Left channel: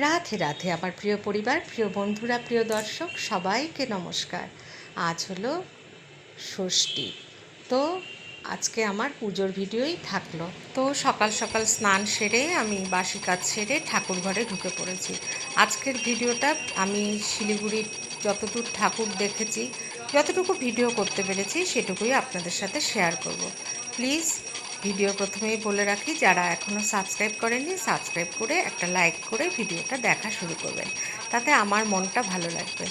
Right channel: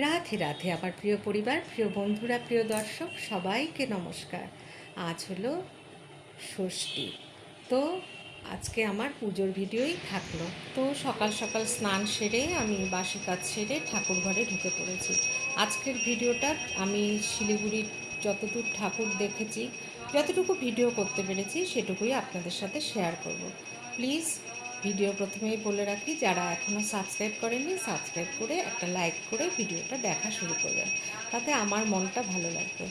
রাধে রাধে আমার প্রিয় পরিবার, প্রিয় বন্ধুরা, প্রিয় দর্শক, সবাইকে নমস্কার। আজ হলো ষষ্ঠী। তো আজকে আমার পুজোর ভিডিওই থাকল। তো সকাল সকাল স্নান সেরে আমি বাসি কাজ সেরে ঠাকুর ঘরে ঢুকে পড়েছি। আজকের ভিডিওটা আমি শিলিগুড়ির যতদূর ঠাকুর দেখেছি, যতটুকু ভিডিও করতে পেরেছি, সেটুকুই আপনাদের সাথে শেয়ার করব। প্লিজ ভিডিও প্রথমেই বলে রাখি, যারা এখনও সাবস্ক্রাইব করেননি সাবস্ক্রাইব করে একটা লাইক করে ভিডিওটা দেখা শুরু করবেন। তাতে আমার মনটা ভালো লাগবে।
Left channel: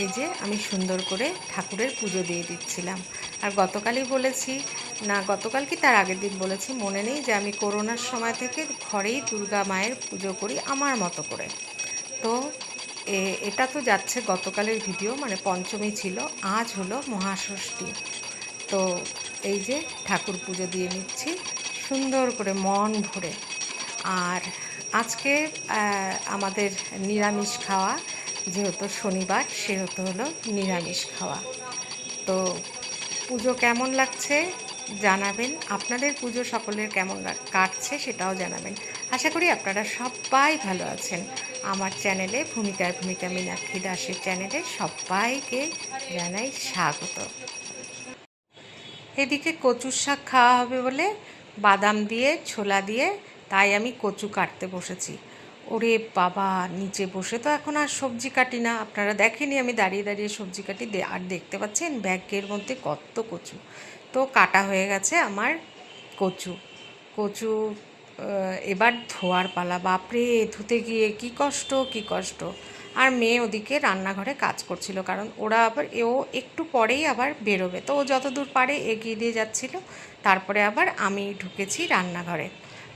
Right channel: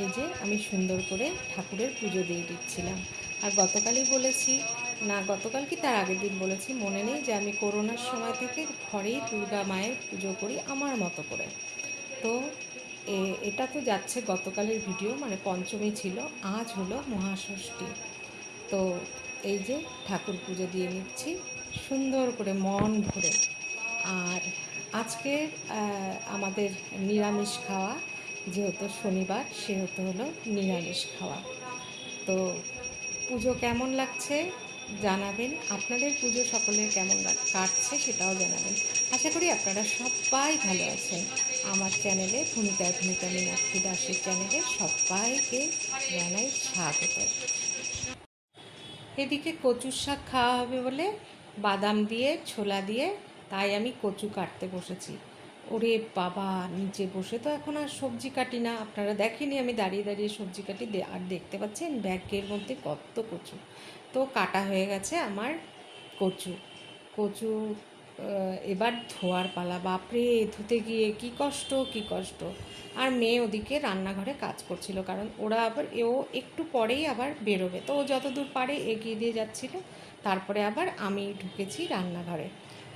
এই যে আমি সুন্দর করে ঠাকুরের পুজো দিয়ে দিচ্ছিলাম। আর গতকালই বলেছি, না, গতকাল কি তার আগের দিন বলেছি, মনে নেই যে আমি করোনার সময় থেকে ঘরেই দুর্গা মায়ের পুজো করি আমার মতো করে। তো এটা তো যাচ্ছে গতকালের ভিডিও মানে পঞ্চমী ছিল, আজ হলো মহাষষ্ঠী। তো এই যে ঠাকুর পুজো দিয়ে নিচ্ছি, সুন্দর করে মন ভরে। আর আজকে আমাদের নিরামিষ খাওয়া, যেহেতু শনিবার, সেহেতু হলো নিরামিষ খাওয়া। তো পুজো কেমন লাগছে জানাবেন। আপনাদের পুজো সকলের কেমন কাটছে সেটাও জানাবেন। আশা করি আপনারা সবাই ভালো আছেন। আমার চ্যানেলে ভূমিকায় ভূমিকা মীনাক্ষী দাসের চ্যানেলে সবাইকে জানাই স্বাগত। এদিকে কচুর শাক খাওয়া হবে বলে বাদাম দিয়ে, ছোলা দিয়ে, তাই আমি কচু কাটতে বসেছি। ওরে বাবা, নিচে বসে তো এখন আর সবজি কাটি না। আপনারা দেখেনি আমি দাঁড়িয়ে দাঁড়িয়ে সবজি কাটি আর দেখতে পাচ্ছেন ব্যাগের মধ্যে কত কচু। তো কাটা হয়ে গেছে আমার কচু। কচু এবার ধোয়ার পালা। বাপরে, ধুতে গিয়ে কি কষ্ট কি কষ্ট। আর মেয়ে ওদিকে রান্নাঘরে কাজ করছিল, কারণ ওরা আবার এও একটু পরেই আবার বেরোবে। তো ও যতদূর পারে এগিয়ে দিয়ে যাচ্ছিল, তারপরে আবার আমি ঢুকেছি রান্নাঘরে।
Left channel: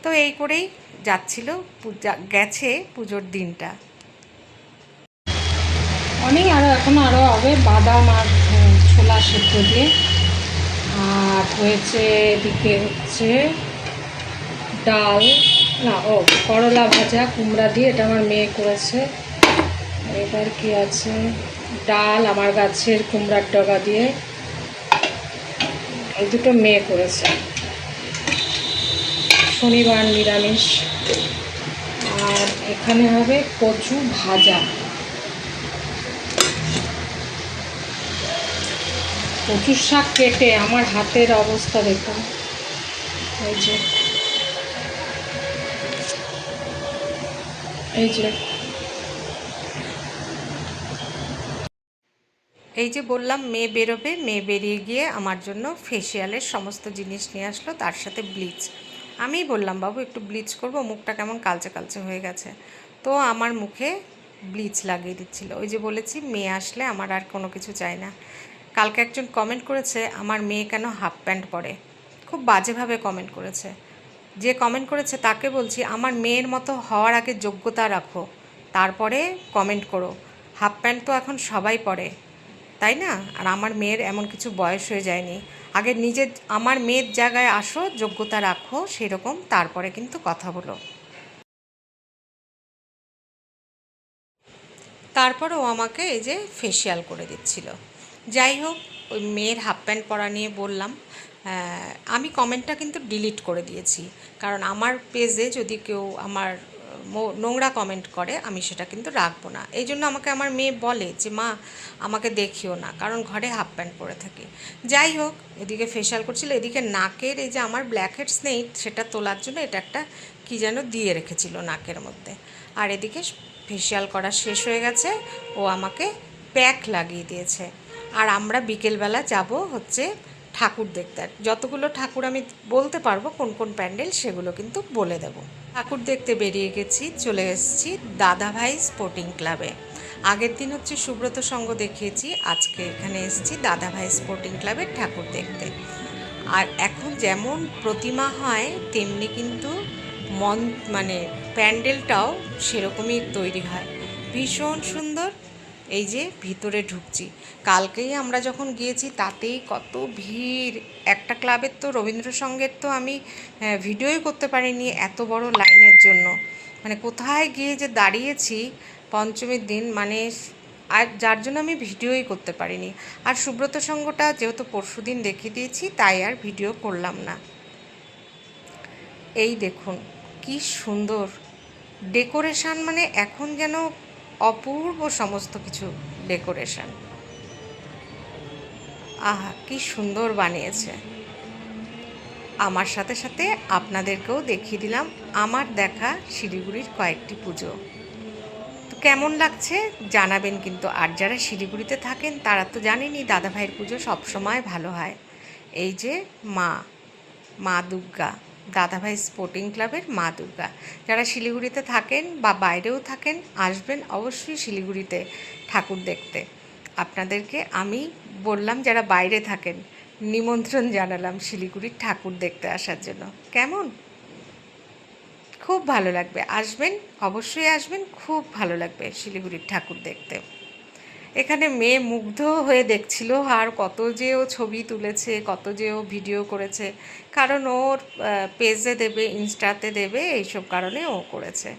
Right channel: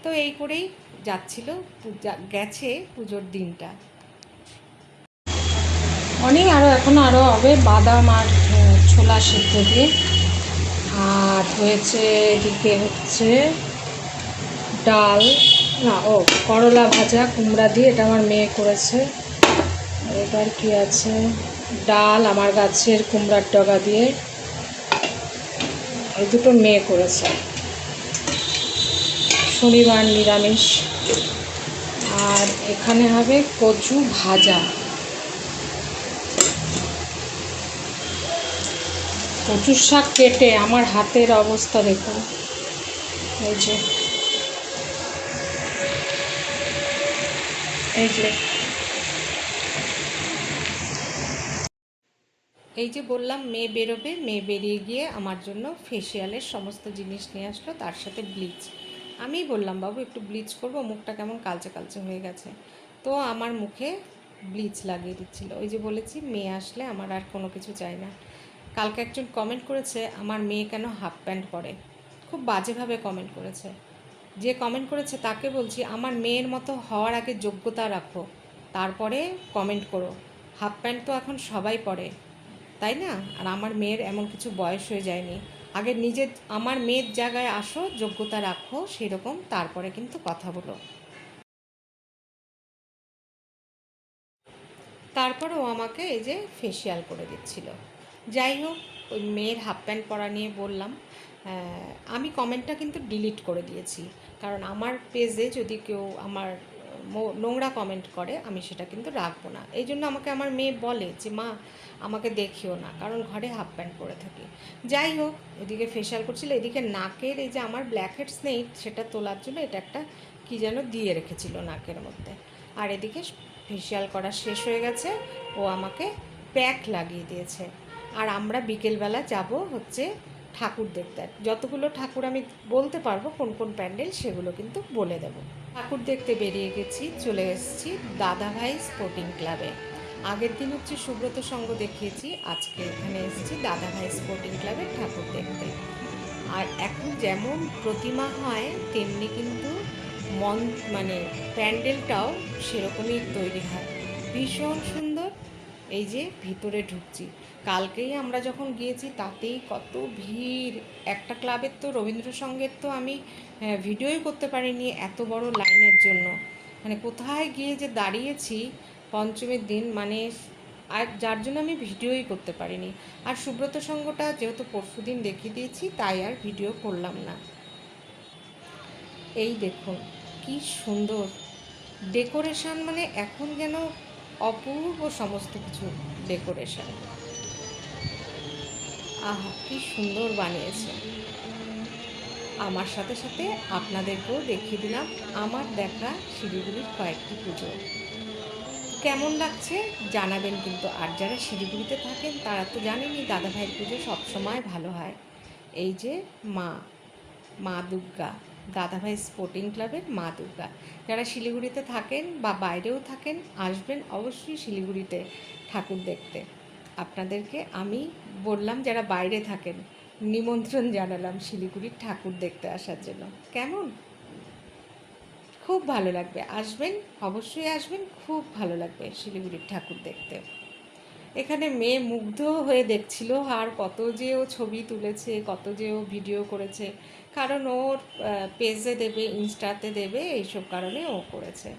তো এই করেই যাচ্ছিল পূজা, গেছে পুজোর দিনটা। অনেক আরও এখন আরও হবে, বাদাম আর ছোলা সেদ্ধ দিয়ে। আর হয়েছে, এদিকে হচ্ছে ডাল, না, ও করলা ভাজা, কুমড়া দিয়ে, এটা আমার মেয়ে করেছে। এবার কি আছে? ডাল, আমার গাছের কুমড়ার ডগা দিয়ে। এই দুটো মেয়ে করেছে। শনিবার নিরামিষ। আর এখানে হবে কচু ভাজা। কচুর শাক কেটে আমার হাতের অবস্থা দেখুন। এই যে। এই যে। এই যে বললাম, মেয়ে বেরোবে, মেয়ে বেরিয়ে গিয়ে আমার জন্য ফেসিয়ালের সমস্ত জিনিস নিয়ে আসলো, তার সাথে ব্লিচ আমি বললাম, বাবু, একটু ব্লিচ করব, মুখটা কেমন কালচে কালচে হয়ে গেছে। তো আমার মুখে ব্লিচ লাগিয়ে দিচ্ছিল। ওই যে বলেছি, মেয়ে আসলে আমার আর কোনো কিছু চাই না। কালকে একজন কমেন্ট করেছে, আমার মেয়ে কেন হাফ প্যান্ট পরে? খুব বাজেভাবে কমেন্ট করেছে। যে কমেন্ট করেছে, তাকে বলছি, আমার মেয়ের মতো হওয়ার আগে যোগ্যতা রাখো, তারপরে কমেন্ট করো। হাফ প্যান্ট তো এখন সবাই পরে। তাই না? আর আমার মেয়ের এমন কিছু বয়স হয়ে যায়নি। আগে নিজের, আমার মেয়ের জায়গায় আসো, যোগ্যতা রাখো, সেরকম, তারপরে কিন্তু কথা বলো। তারপর ও আমাকে এই যে ফেসিয়াল করে দিচ্ছিল। যাই হোক, ওই মেয়ের হাফ প্যান্ট পরা নিয়ে বললাম আমি কমেন্টটা কিন্তু ডিলিট করে দিয়েছি। কারণ আমার পেজে যদি কেউ আমার নোংরা কমেন্ট করে, আমি সেটা কিন্তু রাখব না। এই জন্য আমাকে আমার মেয়ে বলে যে, মা, আমাকে দেখিও না, কারণ ঘরে হাফ প্যান্ট পরে থাকি। যাই হোক, এদিকে ফেশিয়াল করছিল, এদিকে নাকের এই যে আমার ব্ল্যাক হেডস নেই সেটা তোলার জন্য এটা একটা কী যেন দিয়ে রেখেছিল নাকের মধ্যে। আর এদিকে ফেশিয়াল করা শেষ হয়ে গেছে, ও আমাকে প্যাক লাগিয়ে দিয়েছে। আর আমরা বিকেলবেলা যাব হচ্ছে ঠাকুর দেখতে। আর যতগুলো ঠাকুর আমি বলতে পারব কোন কোন প্যান্ডেল সেগুলো কিন্তু বলে দেব। ঠাকুর দেখতে বেরিয়ে গেছি, চলে এসেছি দাদাভাই স্পোর্টিং ক্লাবে। আগের দিন হচ্ছে সুব্রত সঙ্গ দেখিয়েছি, আজকে এখানে এসেছি দাদাভাই স্পোর্টিং ক্লাবের ঠাকুর দেখতে। আর এখন যেমন প্রতিমা হয়, তেমনি কিন্তু মন মানে প্যান্ডেলটাও সেরকমই তৈরি হয়। ভীষণ সুন্দর এই যে ভিতরে ঢুকছি। কালকেই আমরা যখন গিয়েছি, তাতেই কত ভিড়। একটা ক্লাবের তো রবীন্দ্রসঙ্গের তো আমি ভিডিওই করতে পারিনি এত বড় লাইনের জন্য। মানে কোথায় গিয়ে যে দাঁড়িয়েছি পঞ্চমীর দিন মানে আর যার জন্য আমি ভিডিওই করতে পারিনি। আর সুব্রত সঙ্গটা যেহেতু পরশুদিন দেখিয়ে দিয়েছি, তাই আর ভিডিও করলাম না। এই দেখুন, কি সুন্দর। ডেকোরেশন মানে এখন যেন অপূর্ব সমস্ত কিছু ডেকোরেশন। আহা, কি সুন্দর বানিয়েছে। আমার সাথে সাথে আপনাদেরকেও দেখিয়ে দিলাম আমার দেখা শিলিগুড়ির কয়েকটি পুজো। তো কেমন লাগছে জানাবেন কিন্তু, আর যারা শিলিগুড়িতে থাকেন তারা তো জানেনই দাদাভাইয়ের পুজো সবসময় ভালো হয়। এই যে মা মা দুর্গা। দাদাভাই স্পোর্টিং ক্লাবের মা দুর্গা। যারা শিলিগুড়িতে থাকেন বা বাইরেও থাকেন, আসবেন অবশ্যই শিলিগুড়িতে ঠাকুর দেখতে। আপনাদেরকে আমি বললাম, যারা বাইরে থাকেন, নিমন্ত্রণ জানালাম শিলিগুড়ির ঠাকুর দেখতে আসার জন্য। কেমন? খুব ভালো লাগবে। আসবেন, অবশ্যই আসবেন, খুব ভালো লাগবে শিলিগুড়ির ঠাকুর দেখতে। এখানে মেয়ে মুগ্ধ হয়ে দেখছিল আর কত যে ও ছবি তুলেছে, কত যে ও ভিডিও করেছে। কারণ ওর পেজে দেবে, ইনস্টাতে দেবে, এইসব কারণে ও করেছে।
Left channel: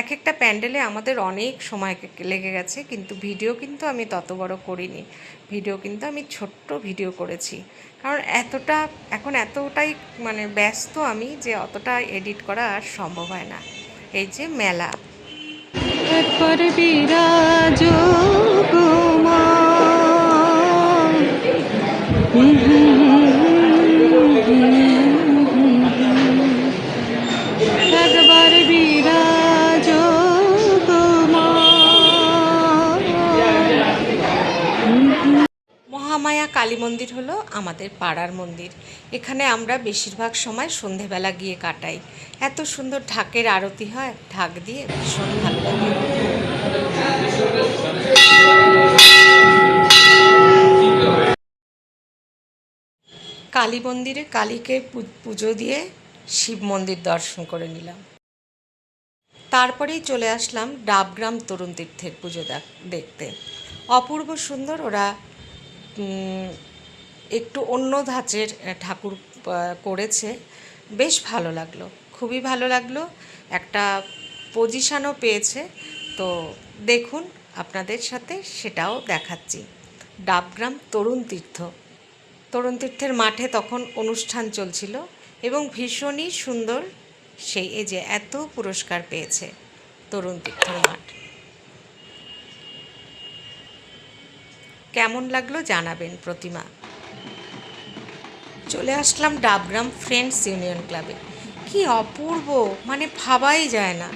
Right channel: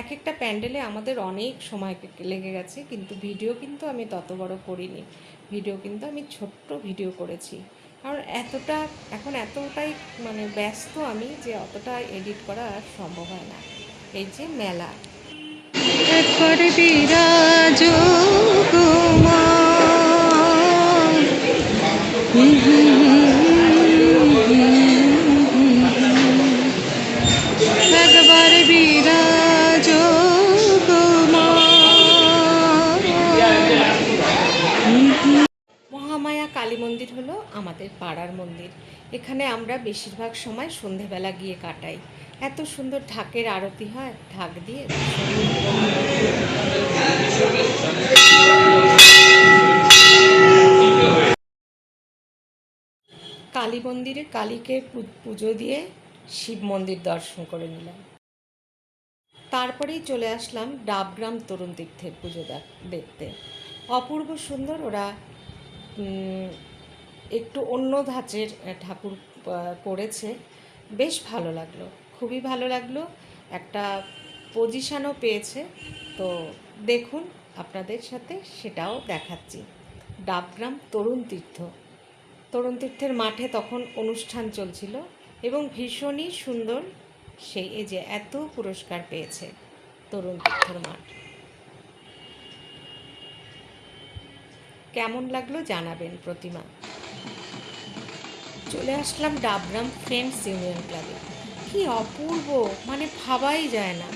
এক একটা প্যান্ডেলে আমাদের অনেক সময় লেগে গেছে, কিন্তু ভিডিও কিন্তু আমি তত বড় করিনি। ভিডিও কিন্তু আমি ছোট্ট ভিডিও করেছি। কারণ এতটা, এখন এতটাই মানে ব্যস্ত আমি যে অতটা এডিট করা আর সম্ভব হয় না। এই যে মেলা। একবার বিরাজ মা একবার কালী মন্দির হলো আমাদের পাড়ার মন্দির। এখানে আমরা বেশিরভাগ সময় সন্ধেবেলা গিয়ে কাটাই। এত সুন্দর ঢাকের আরতি হয়, ঢাক দিয়ে ভীষণ কালী মন্দিরে কালীকে পুজো দিয়ে শিব মন্দির দর্শন করে নিলাম। তারপরেই চলে আসলাম ডাবগ্রাম তরুণ তীর্থের পুজো দেখ- দেখতে। অপূর্ব সুন্দর ওরা একটু অন্য ধাঁচের ঠাকুর করেছে। বেশ ভালো লাগল, খুবই ভালো লাগল। একটা পজিশানও পেয়েছে। তো দেখুন, আপনাদের সাথে সেটাও দেখাচ্ছি। ডাবগ্রাম তরুণ তীর্থ। তরুণ তীর্থের মাঠে তখন অনুষ্ঠান চলছিল এবং ভীষণই সুন্দর সেই, এই যে এত পুরস্কার পেয়েছে তরুণ তীর্থের মাঠ। কেমন লাগল জানাবেন প্রতিমা। চলে আসলাম ডাবগ্রাম ফ্রেন্ডস ইউনিয়ন ক্লাবে। কি অপূর্ব মানে ভাবাই যায় না।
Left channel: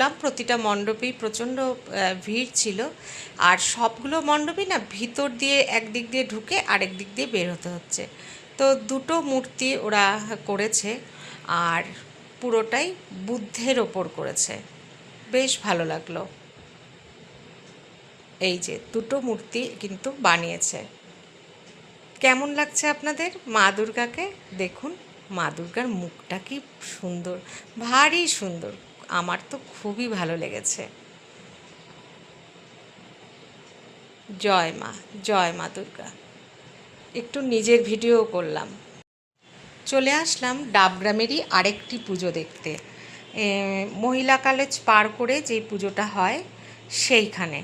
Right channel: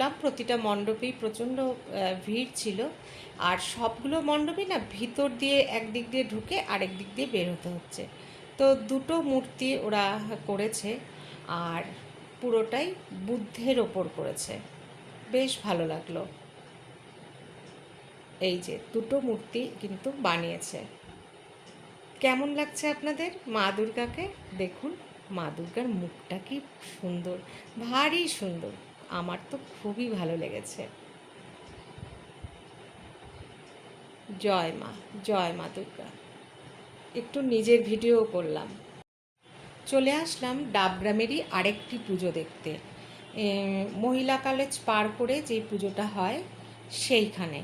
ঢুকলাম প্রতিটা মণ্ডপেই প্রচণ্ড ভিড় ছিল। আর সবগুলো মণ্ডপই না ভিতর দিয়ে একদিক দিয়ে ঢুকে আরেক দিক দিয়ে বের হতে হচ্ছে। তো দুটো মূর্তি ওরা করেছে আর পুরোটাই বুদ্ধের ওপর করেছে। বেশ ভালো লাগল। এই যে দুটো মূর্তি কিন্তু বানিয়েছে। কেমন লাগছে আপনাদের? মা দুর্গাকে দেখুন। মা দুর্গার মুখটা কি সুন্দর, ভারী সুন্দর। আমার তো খুবই ভালো লেগেছে। জয় মা জয় মা দুর্গা। একটু নিজের ভিডিও করলাম। চলে আসলাম ডাবগ্রামেরই আরেকটি পুজো দেখতে। মহিলা কলেজ পার করে যেই পুজোটা হয় সেইখানে।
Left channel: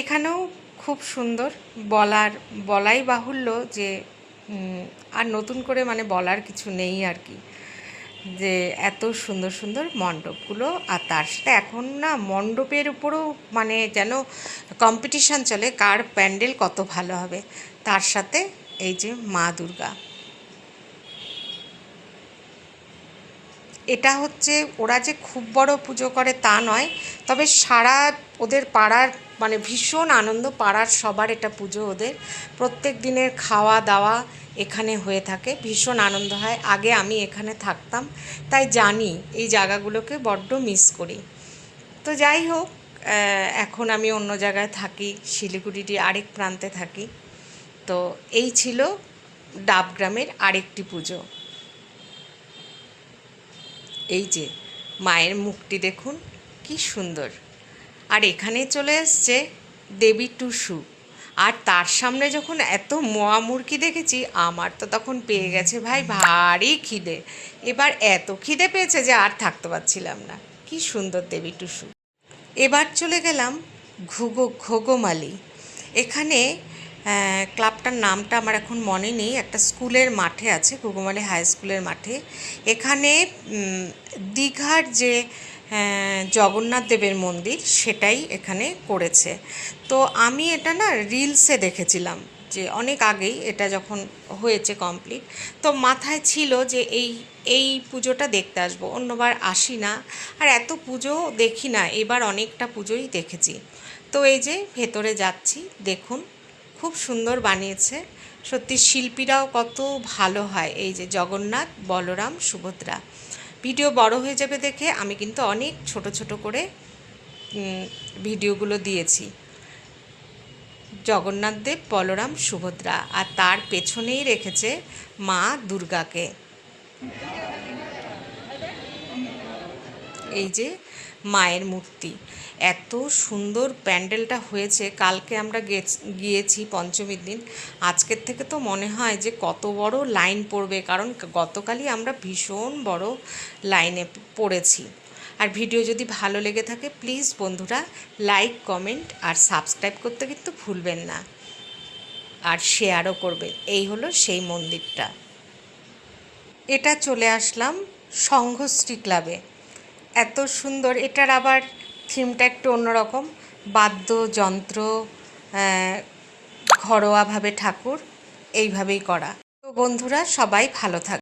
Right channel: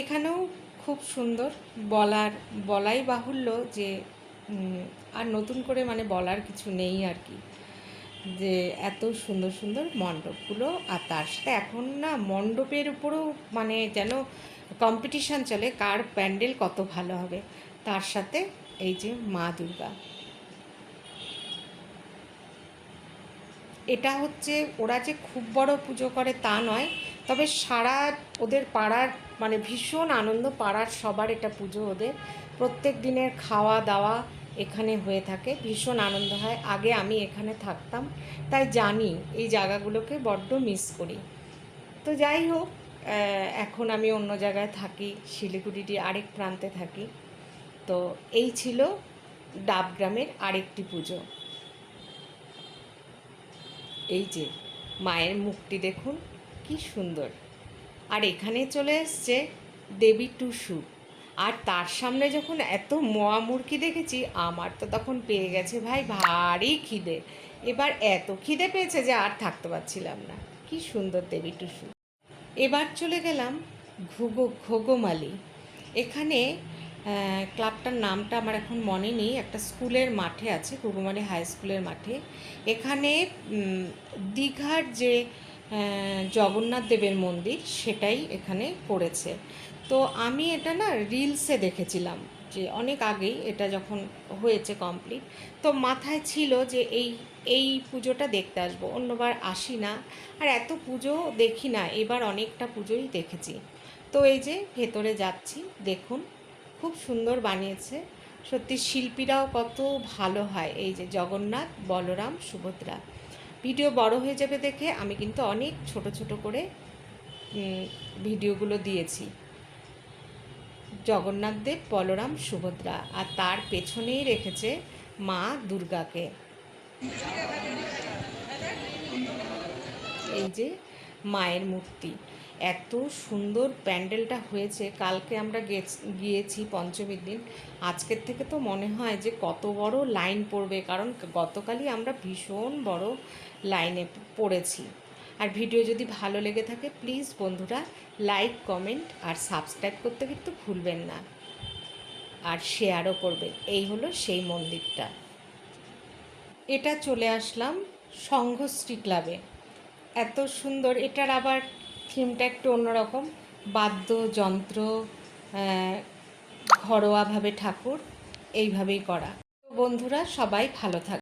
এখানেও খুব সুন্দর বলার, বলাই বাহুল্য যে আর নতুন করে মানে বলার কিছু নেই আর কি। যে এত সুন্দর সুন্দর মণ্ডপগুলো আর তার সাথে এখন না মণ্ডপের উপরও মানে যেন কম্পিটিশান চলে, কার প্যান্ডেল কত ভালো হবে। তার সাথে এই যে মা দুর্গা। এটা হচ্ছে ওরা যে খুব বড় পুজো করে তা নয়, তবে সারা ওদের পাড়ার মানে ভীষণ আনন্দ, পাড়ার সবার এটা পুজো ওদের। প্রত্যেক দিনের খাওয়া দাওয়া এখানে হয়ে থাকে। ভীষণ আনন্দ হয়। আগে আমি এখানে থাকতাম, তাই জানি এই জায়গাগুলোকে বড্ড মিস করি। তো যাই হোক এখন আমি অন্য জায়গায় থাকি শিলিগুড়িটি আরেক প্রান্তে থাকি। তো এই ছিল ডাবগ্রামের আরেকটি পুজো। এই যে, মায়ের মুখটি দেখুন, কি সুন্দর। আর এখানে চলে এসছে দেবী টুসু। আর তার সামনে যখন এত মোয়া দেখেছি, আমার তো তখন পেয়ে গেছে ভাই ভারী খিদে। এবার এত খিদে পেয়েছে যে আর থাকতে পারছিলাম না। কি সুন্দর দেবী টুসু। এবার চলে গেলাম ঘুগো ঘোগোমালি। এখানে ক্লাবটার নামটা আমার এখন মনে নেই। একটা স্কুলের মাঠে আছে ঘুঘুমালি হাই স্কুলের মাঠে। এখানে দীঘার যে জগন্নাথ দেবের মন্দির সেটাই এখানে করেছে তো আমি এটা না রিলসে দেখেছিলাম যে অনেক আগেই এটা যখন হয়েছে কমপ্লিট তো মাথায় ছিল যে এই এই পুজোটা দেখতে আসব, অন্যবার আসি না। আর এত পুজো দেখি না, এবার অনেকটা পুজোই দেখেছি। তো এই যে ভেতরে যাচ্ছি, দেখুন, খুব সুন্দর বানিয়েছে। সত্যি শিল্পীরাও কত ভালো হয়, এই যে জগন্নাথ, বলরাম, সুভদ্রা। ভিডিও বড় হয়ে যাবে দেখে আমি কিন্তু অনেক ছোট ছোট করে ভিডিওগুলো দিয়েছি। জগন্নাথদেব বলরাম, সুভদ্রা আর তার পেছনেই রেখেছে মা দুর্গাকে। এই যে মায়ের মূর্তি। এত সুন্দর প্যান্ডেলটা হয়েছে, কালকে আমরা গিয়েছি পঞ্চমীর দিন। আজকের থেকে তো মনে হয় যে কত বড় লাইন পড়বে, কারণ গতকালই আমরা ভীষণ বড় লাইনে পড়েছি। আর ভিডিও যদি ভালো লেগে থাকে, প্লিজ বন্ধুরা, লাইক, কমেন্ট আর সাবস্ক্রাইব করতে কিন্তু ভুলবেন না। আর শেয়ারও করবেন। এই হলো সেই মন্দিরটা। এটা চলে আসলাম সংঘশ্রী ক্লাবে। এত সুন্দর, এটার আবার থিমটা একটু অন্যরকম। বাদ্যযন্ত্র ঘরোয়াভাবে ঠাকুর, এইভাবেই করা। তো বন্ধুরা, সবাই ভালো থাক